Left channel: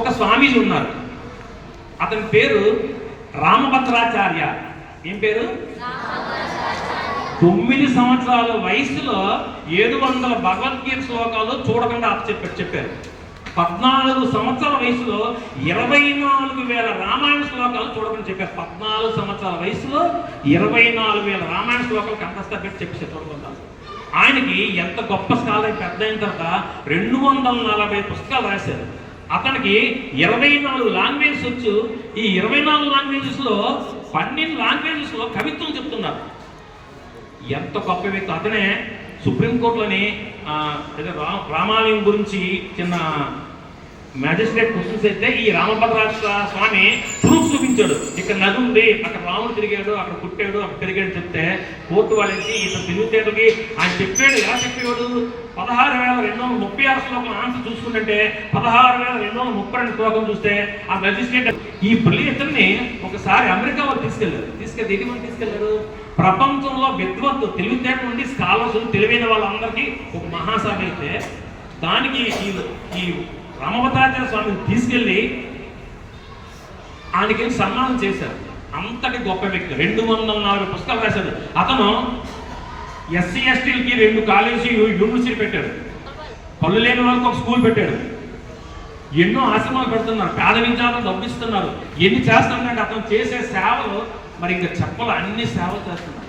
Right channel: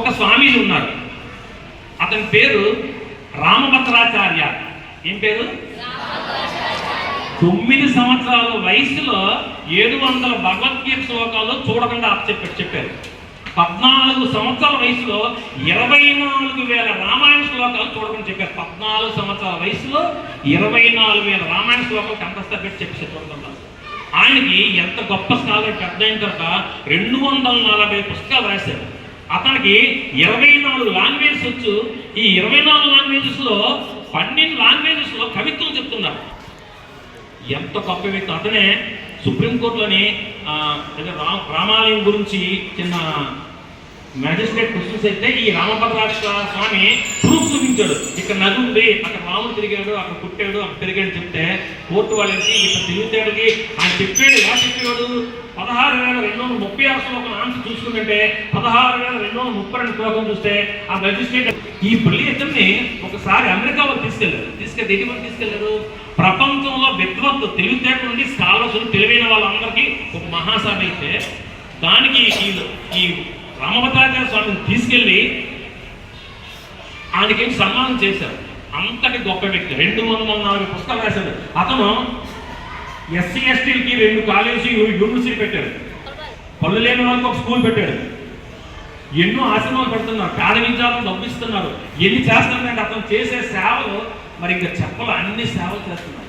ఒక స్వామి ఉన్నారు, అతని పేరు రామభద్రాచార్య. ఏం పేరు? 9 సంవత్సరాల వయసులో 700 భగవద్గీత శ్లోకాలు చూడకుండా చెప్పారు. 14 సంవత్సరాల వయసులో 24,000 రామాయణ శ్లోకాలు చూడమని చెప్పారు. 14 సంవత్సరాల వయసులో 24,000 రామాయణ శ్లోకాలు కంఠస్థ పెట్టి చెప్పి చూడకుండా. ఆయనకి ఎంత గొప్ప స్థాయి, పెద్ద అయిన తర్వాత 240 పుస్తకాలు రాశారు. అతనికి 24 లాంగ్వేజెస్ వచ్చు. ఈ 24 లాంగ్వేజెస్లో 12 లాంగ్వేజెస్లో కవిత్వం చెప్తున్నారు. ఎంత గొప్ప వ్యక్తి! అతనే సుప్రీంకోర్టులోని రామాలయం గురించి చిన్న మ్యాజిస్ట్రేట్ క్వశ్చన్స్ అయితే ఈ రామభద్రాక్ష స్వామి ప్రూఫ్ చూపించాడు. ఇక్కడ నది ఉంది, అక్కడ రాముడు తిరిగాడు, అక్కడ పుట్టాడు, అక్కడ తిరిగాడు చెప్తే కోర్టు వాళ్ళకి ఇతను తెలివితేటలకి ఆయన చెప్పాడు. ఎలా చెప్పేవాడు? 16,236 శ్లోకం ఆన్సర్ చూసుకుంటే 16,232 శ్లోకం చూస్తే ఆ మ్యాజిస్ట్రేట్ ఈ ఇతన్ని ఒకసారి అమెరికా వాళ్ళు తీసుకెళ్తే ఎటువంటి తీసుకెళ్లారు? ప్రపంచంలో విద్వత్తు తెలివితేటలు నుండి స్కాలర్స్ తెలివైన వాళ్ళందరికీ ఒక మహాసభ అయితే దానికి ఈ రామభద్రాచార్య స్వామిని తీసుకెళ్ళి ఆయనకి సన్మానం చేశారు. అంతటి గొప్ప వ్యక్తి. 240 పుస్తకాలు రాశారు. అతను ఎస్సీ ఎస్టీలకి 2 కాలేజీ యూనివర్సిటీ పెట్టాడు. పళ్ళు లేని వాళ్ళకి ఒక స్కూల్ పెట్టాడు. ఎన్నో ఆశ్రమాలు పెడుతున్నారు, పేద విద్యార్థులను డబ్బిస్తున్నారు. ఎన్ని చేస్తున్నారంటే అతను చేసే సేవలు మరి ఇంకా చెప్పాలి, అన్ని సేవలు చేస్తున్నారు.